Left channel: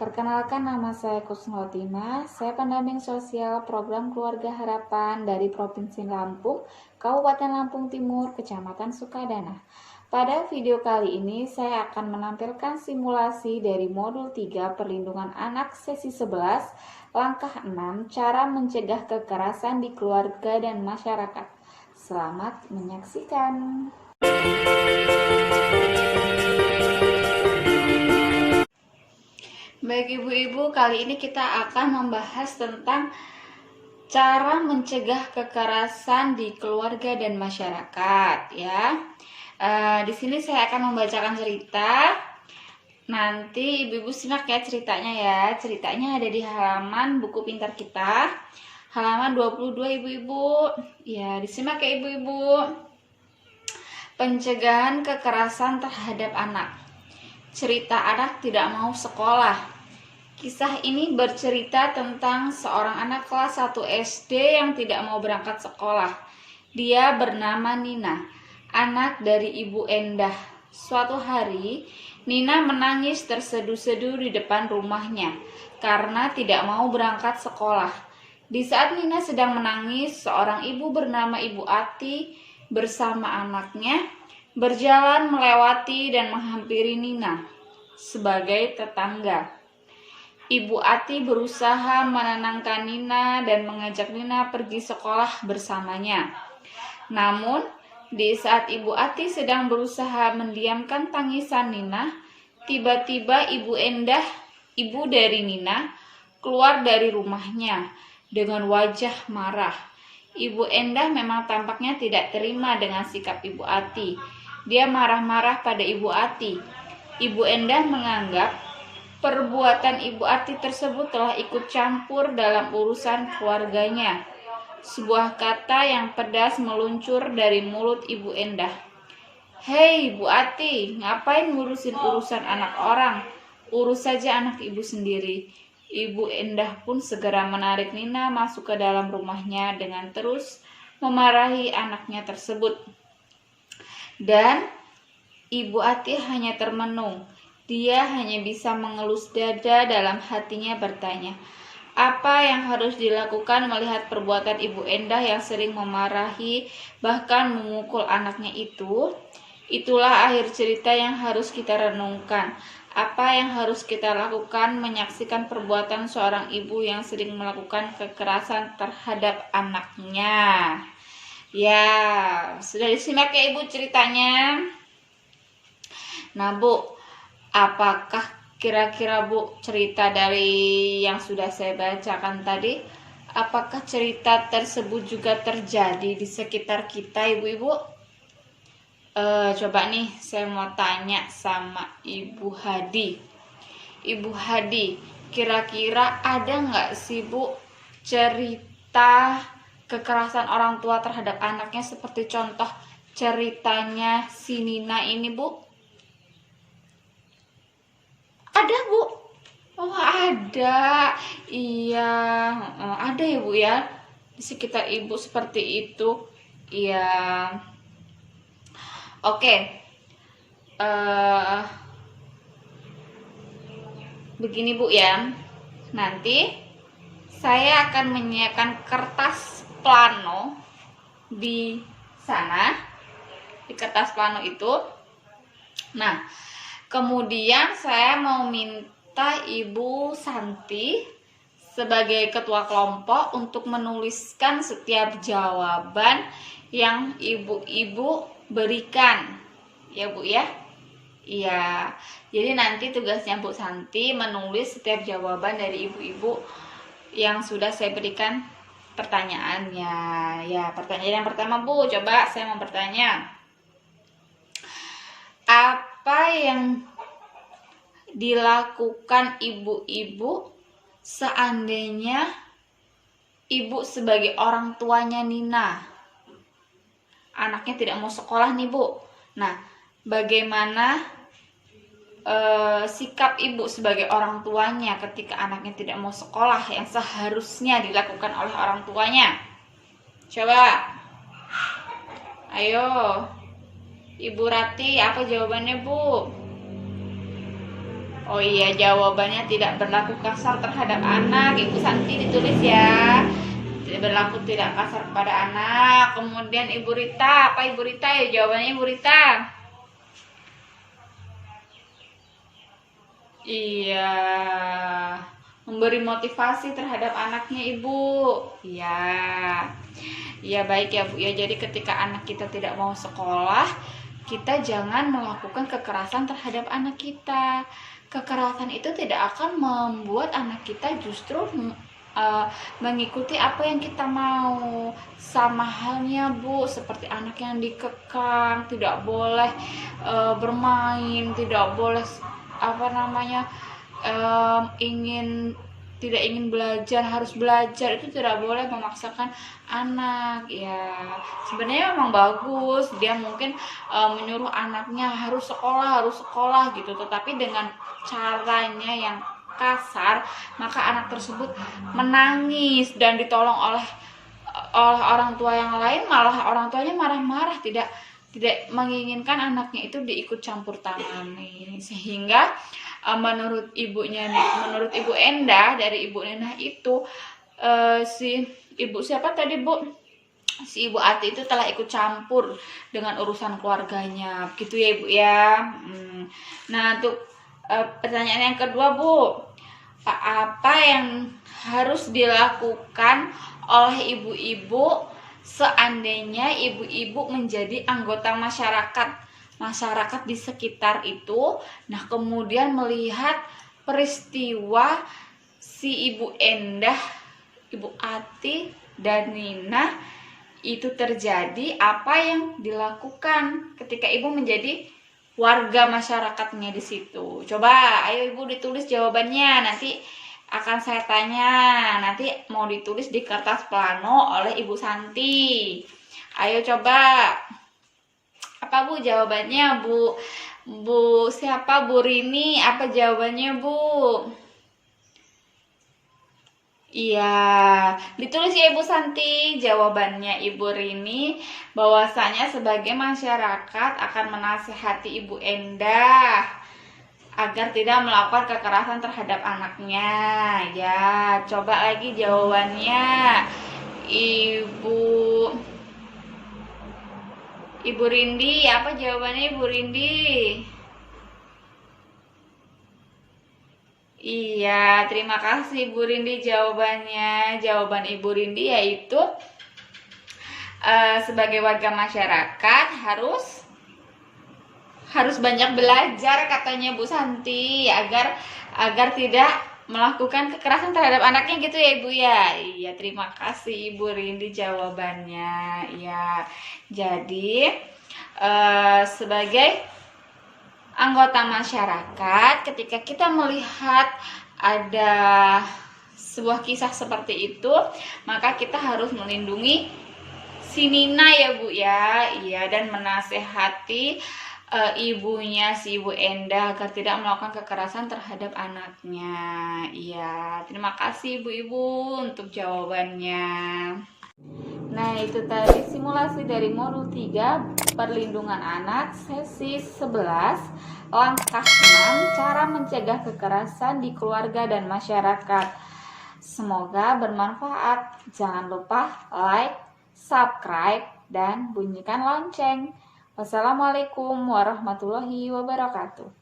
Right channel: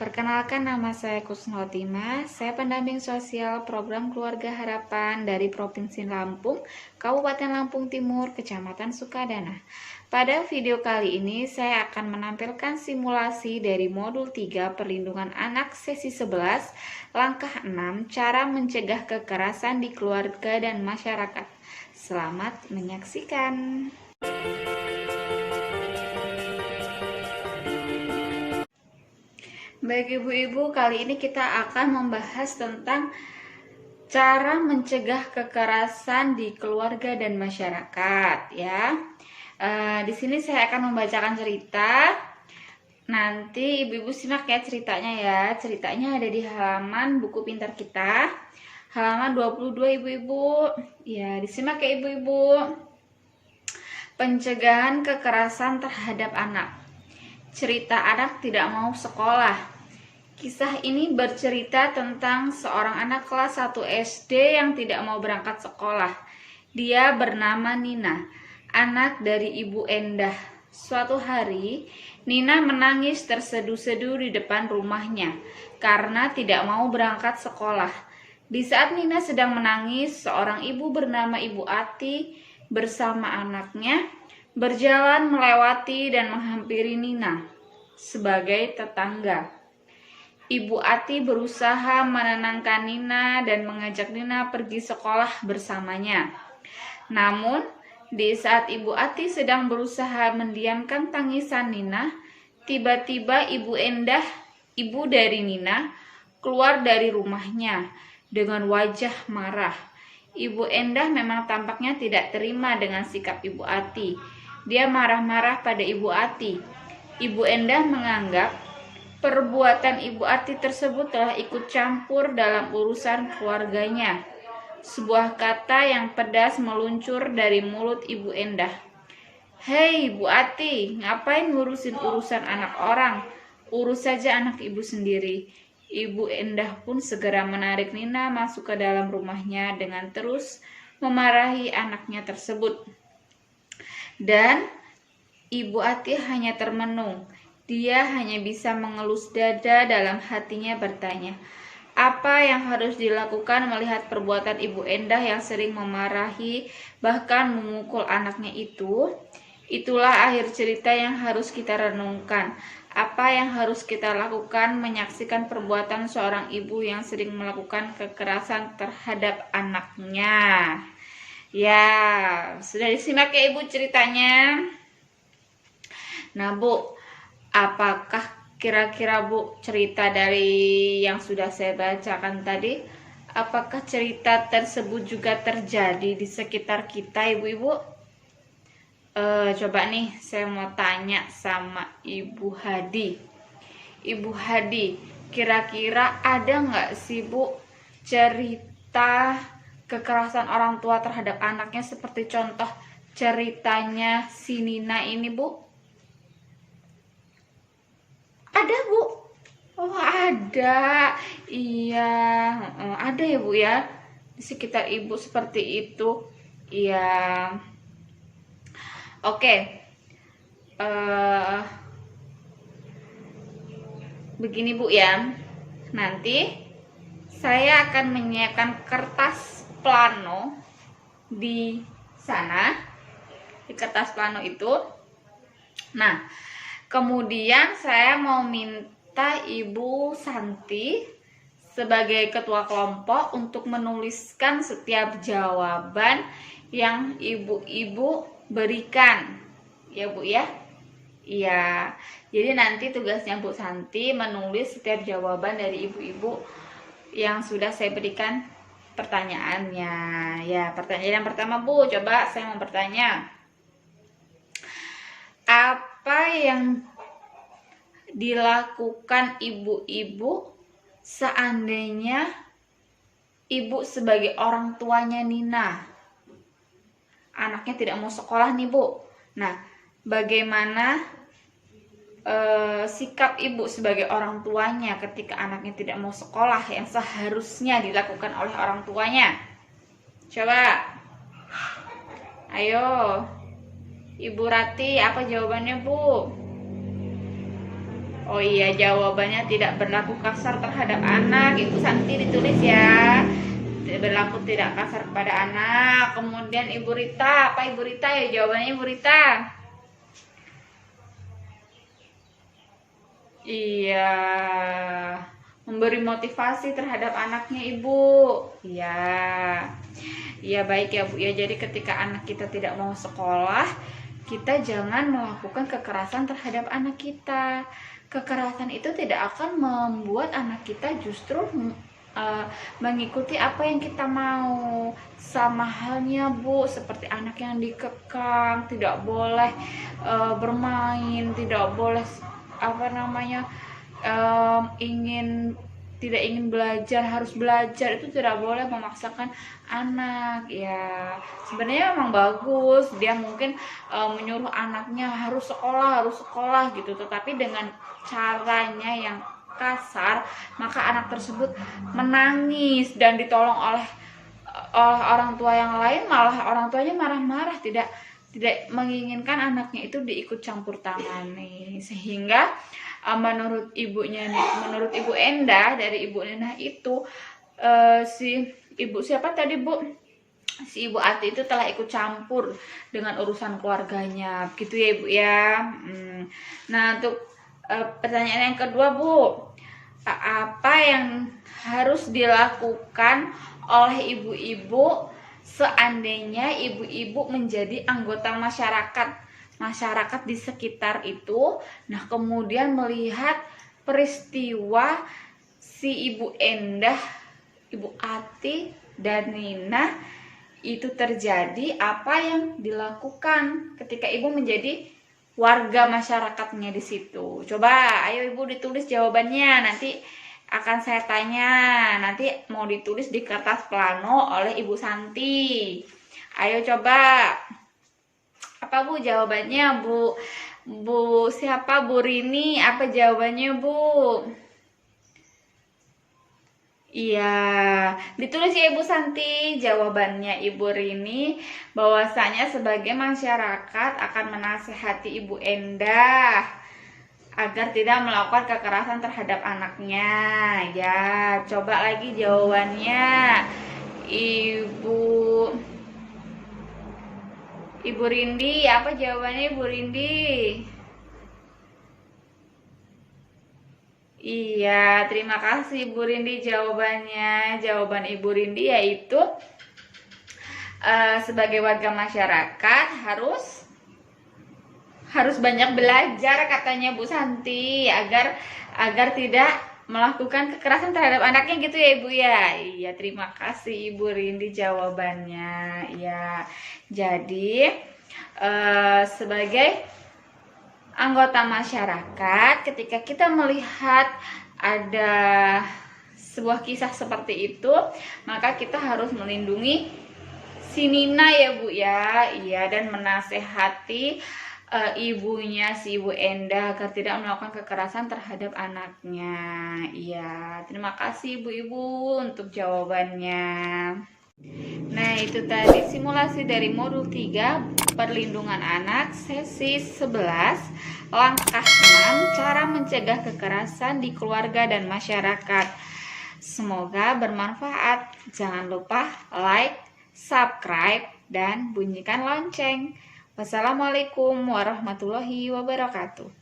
Perkenalkan, nama saya Kusnotima. Saya pendamping sosial program Keluarga Harapan dari Provinsi Lampung, Kabupaten Lampung Timur, Kecamatan Sukadana. Pada video kali ini saya akan menampilkan simulasi dari modul 3 Perlindungan Anak sesi 11, langkah 6, cara mencegah kekerasan di keluarga dan masyarakat. Selamat menyaksikan. Baik ibu-ibu, kali ini kita akan membahas tentang cara mencegah kekerasan di keluarga dan masyarakat, ya. Di sini saya akan membacakan cerita. Nanti ibu-ibu simak ya ceritanya ya. Ceritanya ada di halaman buku pintar kita, halaman 22 ibu-ibu. Ya, disimak ya ibu-ibu. Pencegahan kekerasan terhadap anak. Cerita anak tidak mau sekolah. Kisah ini bercerita tentang seorang anak kelas 1 SD yang tidak mau berangkat sekolah. Dia bernama Nina, anak dari Ibu Endah. Suatu hari, Nina menangis terseduh-seduh di depan rumahnya karena tidak mau berangkat sekolah. Di saat Nina sedang menangis, seorang ibu bernama Ibu Ati bersama anaknya berjalan melewati dan menghampiri Nina sebagai tetangga. Ibu Ati berusaha menenangkan Nina dan mengajak Nina pergi sekolah bersamanya. Namun, di saat Ibu Ati sedang berusaha mendiamkan tangisan Nina, tiba-tiba Ibu Endah, ibu dari Nina, keluar dari rumahnya dengan wajah marah. Ibu Endah memang tampaknya tidak terima dengan sikap Ibu Ati. Dia marah-marah pada Ibu Ati. Ibu Endah menganggap perbuatan Ibu Ati tersebut telah ikut campur dalam urusan keluarganya. Sebuah kata yang pedas meluncur dari mulut Ibu Endah. "Hei Ibu Ati, ngapain ngurusin urusan anak orang? Urus saja anak ibu sendiri." Ibu Endah pun segera menarik Nina masuk ke dalam rumahnya dengan terus memarahi anaknya tersebut. Dan Ibu Ati hanya termenung. Dia hanya bisa mengelus dada, dalam hatinya bertanya, apa yang harus dilakukan melihat perbuatan Ibu Endah yang sering memarahi bahkan memukul anaknya itu? Itulah akhir cerita yang harus kita renungkan. Apa yang harus kita lakukan menyaksikan perbuatan seorang ibu yang sering melakukan kekerasan terhadap anaknya? Ya, sudah disimak ya ibu ceritanya? Nah bu, apakah kira-kira Bu cerita dari yang sudah saya bacakan tadi, apakah cerita tersebut juga terjadi di sekitar kita ibu-ibu? Coba nih saya mau tanya sama Ibu Hadi. Ibu Hadi, kira-kira ada nggak sih Bu cerita kekerasan orang tua terhadap anaknya seperti contoh ceritanya si Nina ini Bu? Ada Bu. Oh ada. Iya, ada ya Bu ya. Di sekitar ibu seperti itu. Iya. Oke. Begini Bu ya. Nanti saya akan menyiapkan kertas plano di sana. Di kertas plano itu. Nah, kemudian saya mau minta Ibu Santi sebagai ketua kelompok untuk menuliskan setiap jawaban yang ibu-ibu berikan. Ya Bu ya? Iya. Jadi nanti tugasnya Bu Santi menulis setiap jawaban dari ibu-ibu yang sudah saya berikan pertanyaannya. Ya, pertanyaan yang pertama Bu, coba saya mau bertanya. Apa yang dilakukan ibu-ibu seandainya ibu sebagai orang tuanya Nina? Anaknya tidak mau sekolah nih Bu. Nah, bagaimana sikap ibu sebagai orang tuanya ketika anaknya tidak mau sekolah yang seharusnya dilakukan oleh orang tuanya? Coba. Ayo. Ibu Rati, apa jawabannya Bu? Oh iya, jawabannya tidak berlaku kasar terhadap anak. Ibu Santi ditulis ya. Berlaku tidak kasar kepada anak. Kemudian Ibu Rita, apa Ibu Rita ya jawabannya Ibu Rita? Iya, memberi motivasi terhadap anaknya Ibu. Iya. Iya baik ya Bu ya. Jadi ketika anak kita tidak mau sekolah, kita jangan melakukan kekerasan terhadap anak kita. Kekerasan itu tidak akan membuat anak kita justru mengikuti apa yang kita mau. Sama halnya Bu, seperti anak yang dikekang, tidak boleh bermain, tidak boleh tidak ingin belajar, harus belajar, itu tidak boleh memaksakan anak ya. Sebenarnya memang bagus dia mungkin menyuruh anaknya harus sekolah gitu, tetapi dengan caranya yang kasar, maka anak tersebut menangis dan ditolong oleh orang tua yang lain, malah orang tuanya marah-marah, tidak menginginkan anaknya itu diikut campur tangani. Sehingga menurut Ibu Endah dari Ibu Nenah itu si Ibu siapa tadi Bu? Si Ibu Ati itu telah ikut campur dengan urusan keluarganya, gitu ya Ibu ya. Nah untuk pertanyaan yang kedua Bu, apa yang harus dilakukan oleh ibu-ibu seandainya ibu-ibu menjadi anggota masyarakat di sekitar itu, nah kemudian melihat peristiwa si Ibu Endah, Ibu Ati, dan Nina itu terjadi, apa yang dilakukan ketika Ibu menjadi warga masyarakatnya di situ? Coba ayo Ibu ditulis jawabannya, nanti akan saya tanya, nanti mau ditulis di kertas plano oleh Ibu Santi. Ayo coba, apa Bu jawabannya? Bu siapa? Bu Rini, apa jawabannya Bu? Iya, ditulis ya Ibu Santi. Jawabannya Ibu Rini bahwasanya sebagai masyarakat akan menasehati Ibu Endah agar tidak melakukan kekerasan terhadap anaknya. Ya, coba lagi jawabannya. Ibu Rindi, apa jawabannya Ibu Rindi? Iya, terima kasih Ibu Rindi jawabannya. Jawaban Ibu Rindi yaitu sebagai warga masyarakat harus banyak belajar, katanya Bu Santi, agar tidak melakukan kekerasan terhadap anaknya, gitu ya Ibu ya. Iya, terima kasih Ibu Rindi jawabannya. Ya, jadi sebagai anggota masyarakat, ketika kita melihat ada sebuah kisah seperti itu, maka kita harus melindungi si Nina ya Bu ya. Iya, dan menasehati ibunya si Ibu Endah agar tidak melakukan kekerasan terhadap anaknya. Iya, terima kasih Ibu-ibu untuk jawabannya. Nah, itu tadi simulasi dari modul 3 perlindungan anak sesi 11 langkah 6 cara mencegah kekerasan di keluarga dan masyarakat. Semoga bermanfaat. Jangan lupa like, subscribe, dan bunyikan lonceng. Wassalamualaikum warahmatullahi wabarakatuh.